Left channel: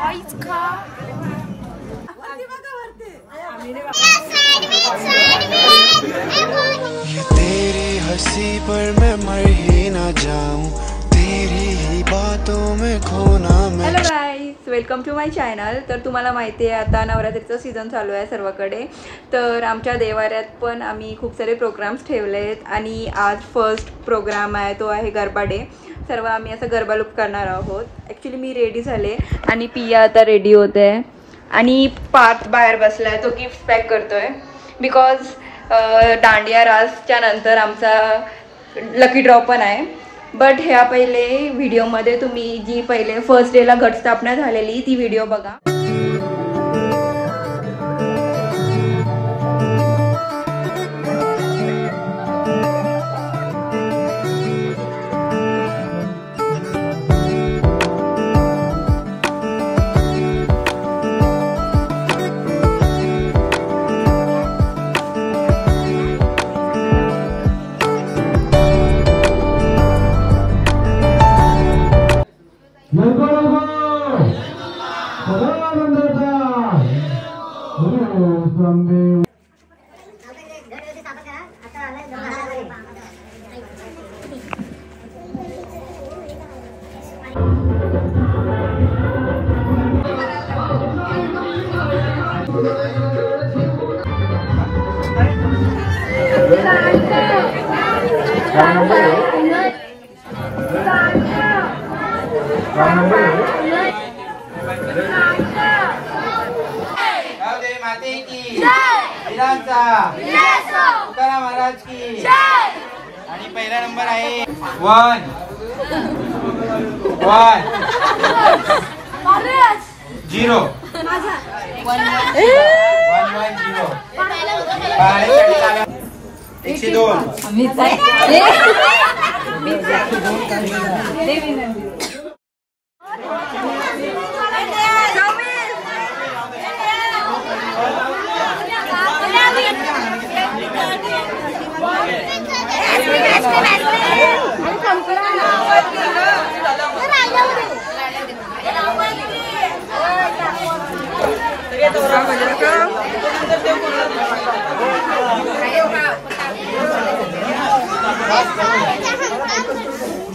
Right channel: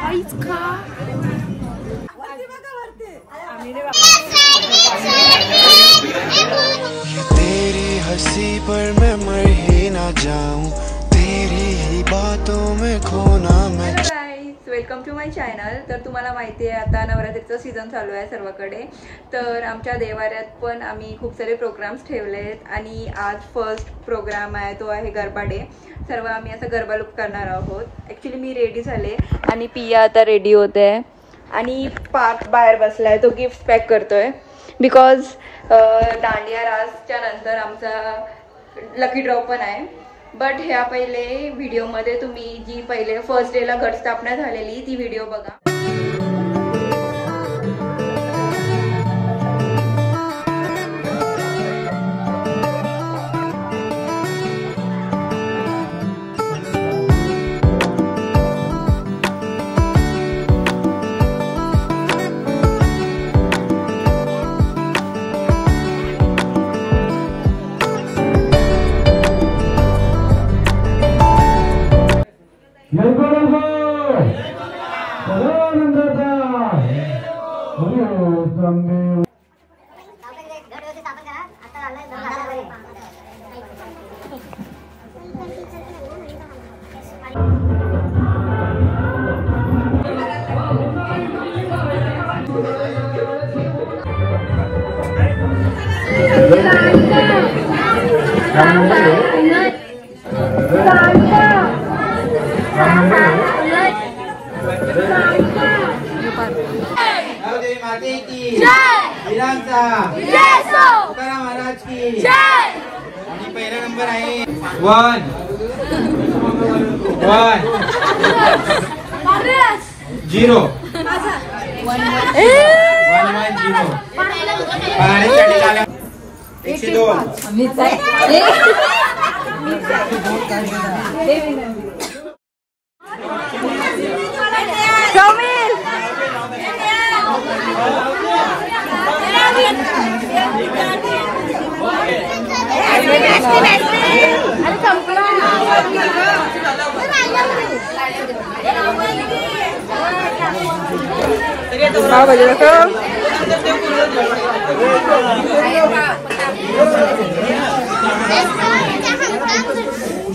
तेरी हंसी पर मैं मर ही ना जाऊं, तेरी ही बातों में खोना मैं। Hello guys, welcome to my channel. तर तुम्हाला माहिती आहे आता नवरात्रीचं सीझन चालू आहे सर्वकडे, तर आमच्या देवाऱ्यात पण आम्ही खूप सारे प्रोग्राम्स ठेवलेत आणि आज फर्स्ट प्रोग्राम आहे तो आहे गरबा डे। सर्व आम्ही असं गरबा लुक करणार आहोत। ॲक्च्युली मी रेडी झाले आणि पिया आता रेडी होते आणि पार्थ बाहेर बसलाय, तो गिफ्ट पॅक करतोय बिकॉज दांडिया रासच्या नंतर आमचा लकी ड्रॉ पण आहे। बट ह्या पहिले व्हिडिओमध्ये तुम्ही जी पहिले फर्स्ट डेला घटस्थापना झालेली ती व्हिडिओ बघा। माती की जय, महाराज की जय। आणि पहिला नंबर आहे 1 0 पाण्यासाठी लागला 102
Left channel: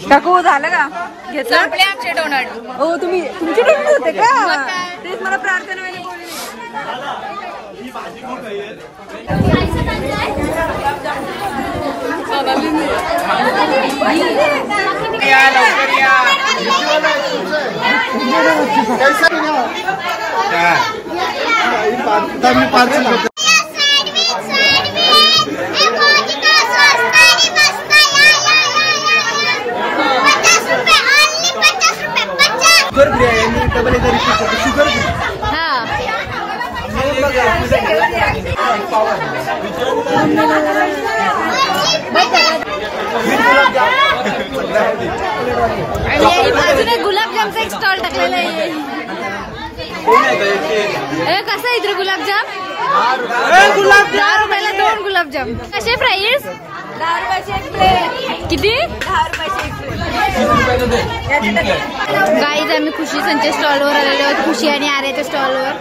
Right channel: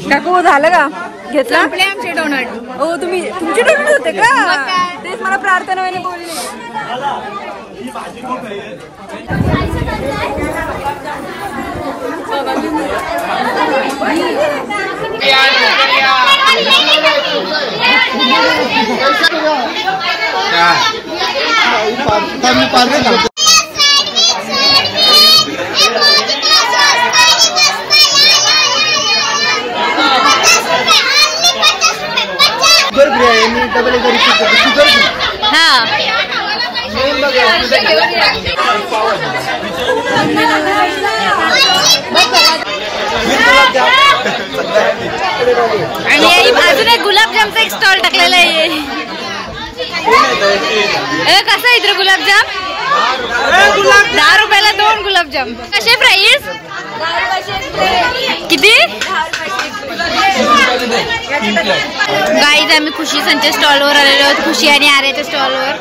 टाकू झालं का? घेतलं संपले आमचे डोनट। तुम्ही तुमचे डोनट होते का? मग काय तेच मला प्रार्थना वेळेला बोलले। या लवकर या। आणि अजून एक गुलाबजामचा एक स्टॉल टाकलेला आहे। कसं आहे इथे गुलाबजाम? 10 रुपयाला 2 गुलाबजाम। कसे प्राइस? 10 रुपयाचे किती? 10 रुपयाचे। गाईज आम्ही खुशी संच्या स्टॉलवर आलेलो आहोत, खुशी आणि आर्याच्या स्टॉलवर।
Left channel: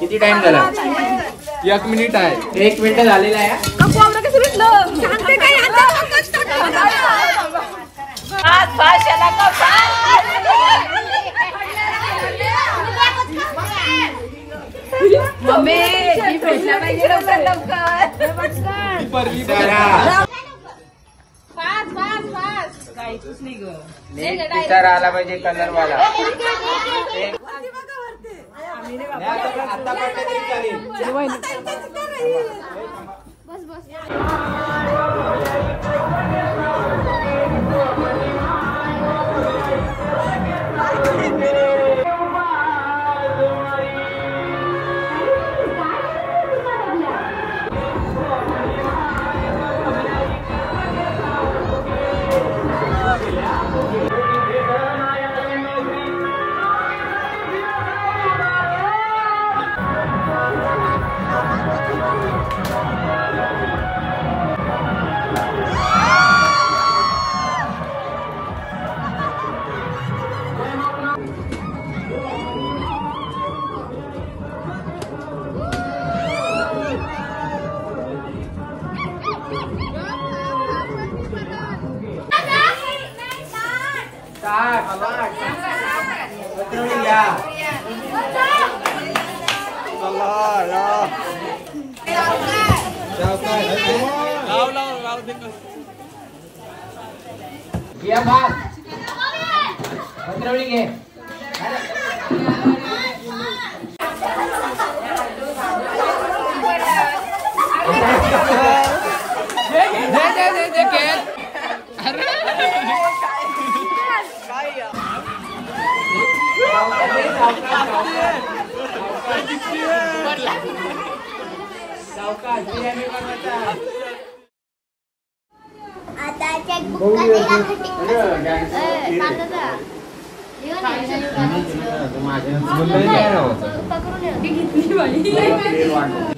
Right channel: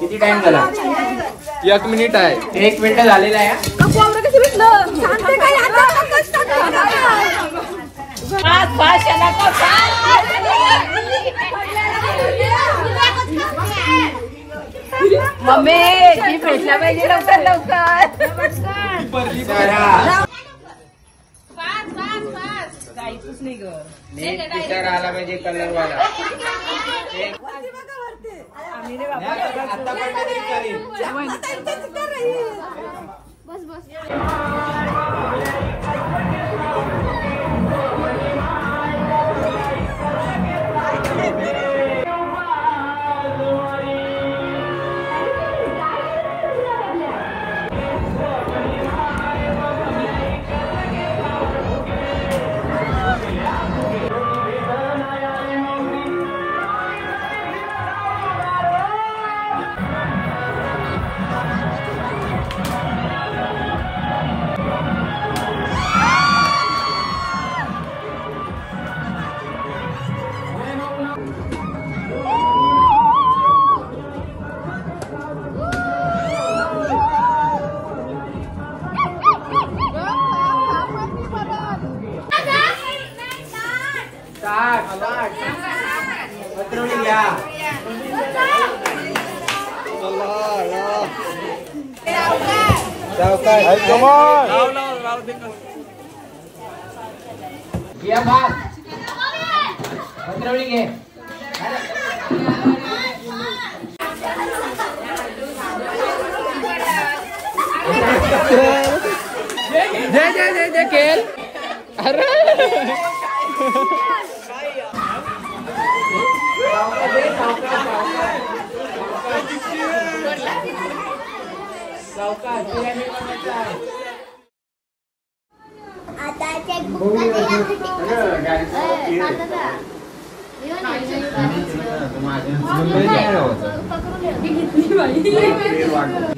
किती टाइम झाला? 1 मिनिट आहे। 1 मिनिट झालेला आहे। मम्मी ती भेटला पाहिजे लवकर लवकर। काहीच नाही ग, आला पाहिजे कलर वाला। आम्ही रे आता पडलं तरी चालेल। बस बस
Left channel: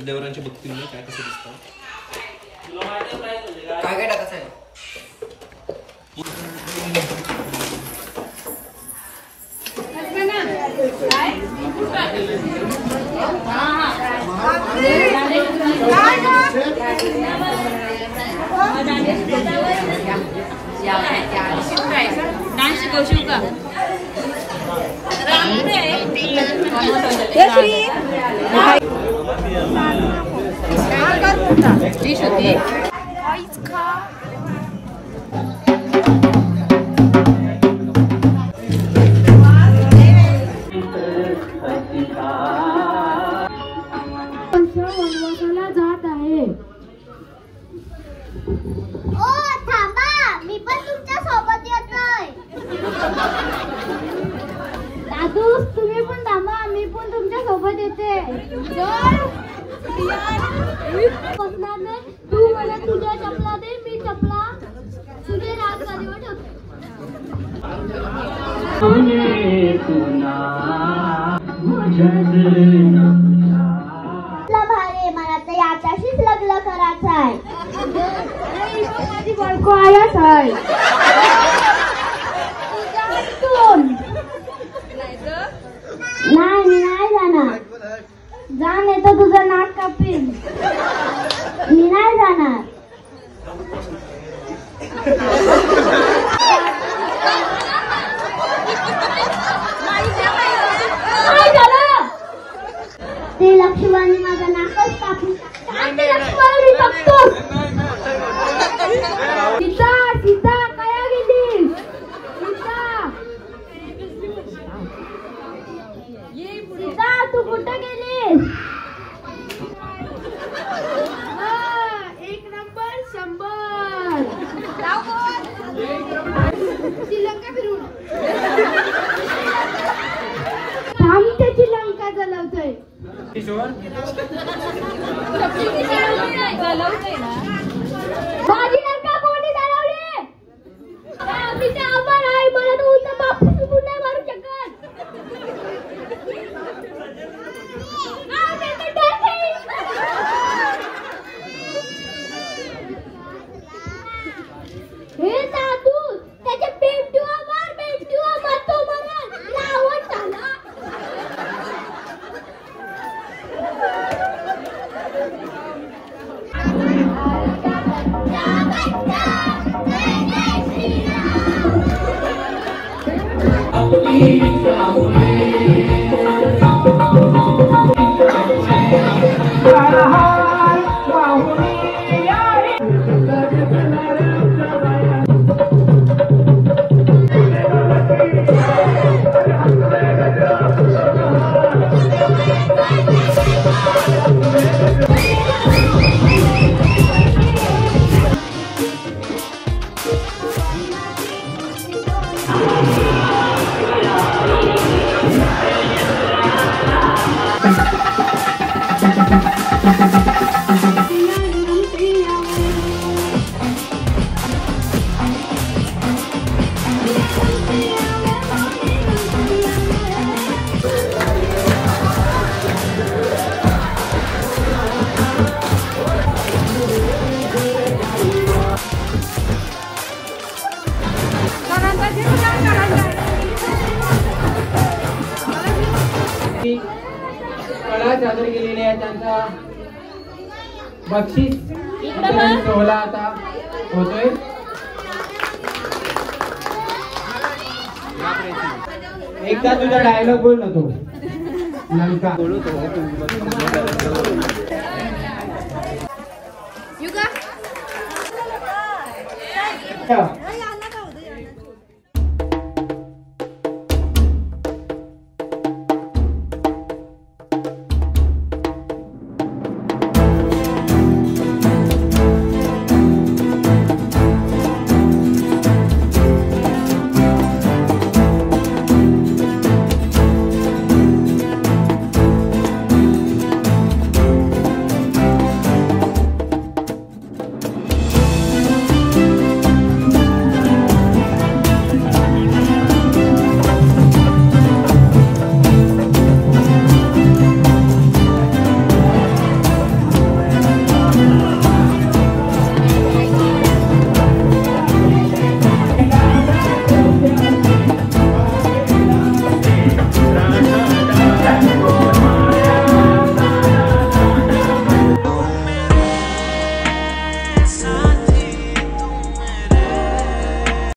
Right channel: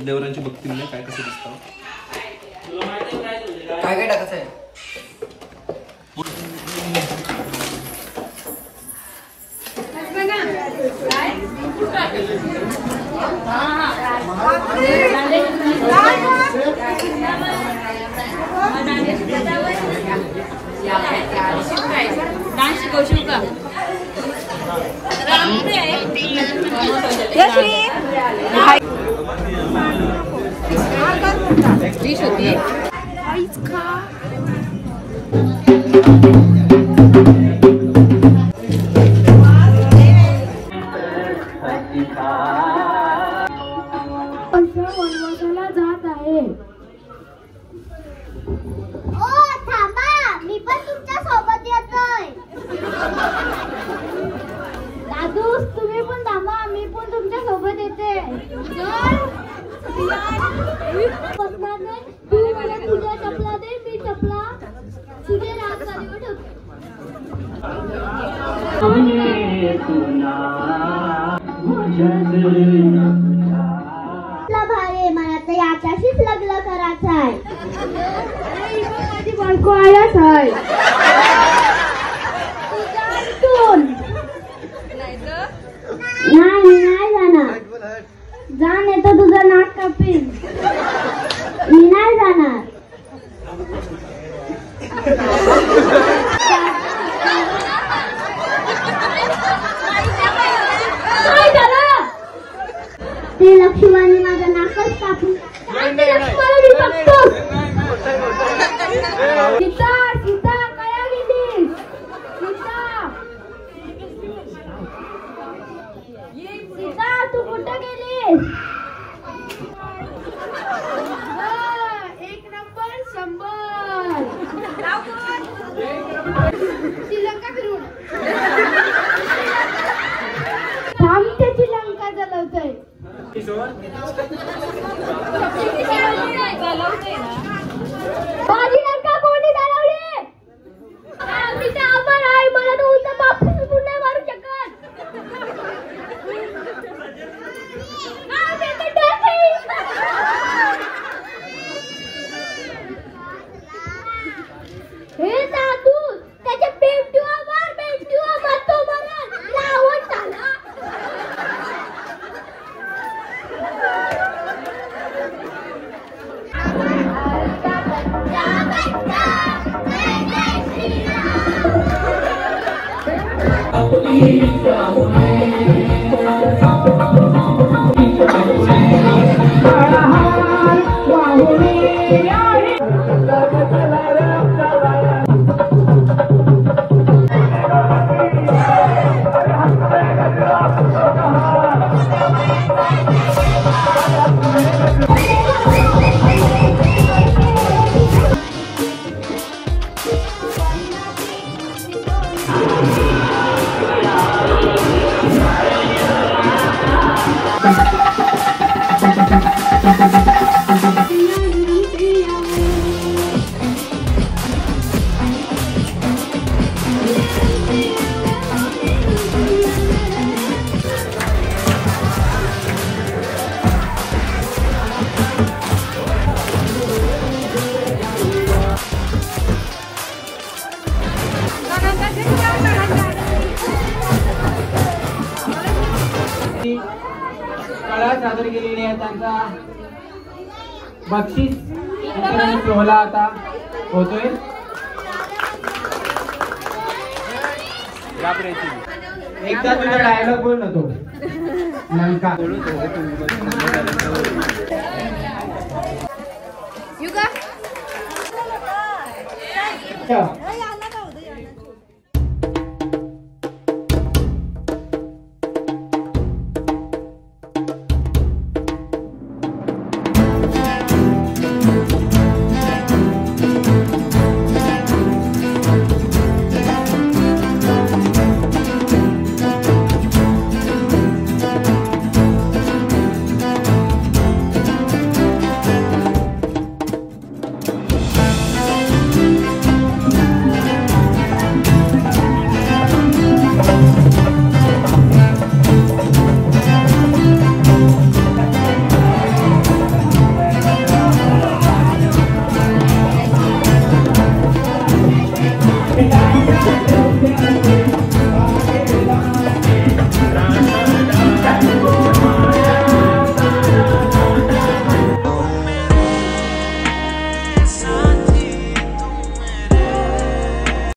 देवरांच्या भक्तीने काय कसं दिसतं काय काय टाकायचं आहे डान्स शिकवशील का? डिश होती जात आहे. ओ थांबा, मी पण तुमच्या सोबत येतोय. दादू तुम्ही पण थांबा, मी पण तुमच्या सोबत येते. बसणार नाही, तू मला तुझ्या चपला दे, मी चपला तुझे राग गाडीवर ठेवते. मला तर याच्याशीच लग्न करायचं आहे. माझी बायको आयाच आहे. नाही जाणार. जा नाही तर तुझं नाक कापीन. मी नाही जाणार. ते लक्ष्मीवाणी माझं नाकच कापून सीता सीता कया गेलीस? सीता तू कुठं गेलीस? 1 नंबर 100 श्रीलंका फिरून आमच्याची लंका जलवतोय. माझी लंका कोणी चालवली? आम्हीचा आभार आहे. मला तो उलटा बाप सुटून नाही मारू शकत. हे दादू त्याच्या बेमटीवा मार तो मरण लावत झाला. सादर केलेली आहे. त्यांचा बक्षीस सोहळा आता होतोय. एकदा तुझा डायलॉग बोल नको लंका. युगा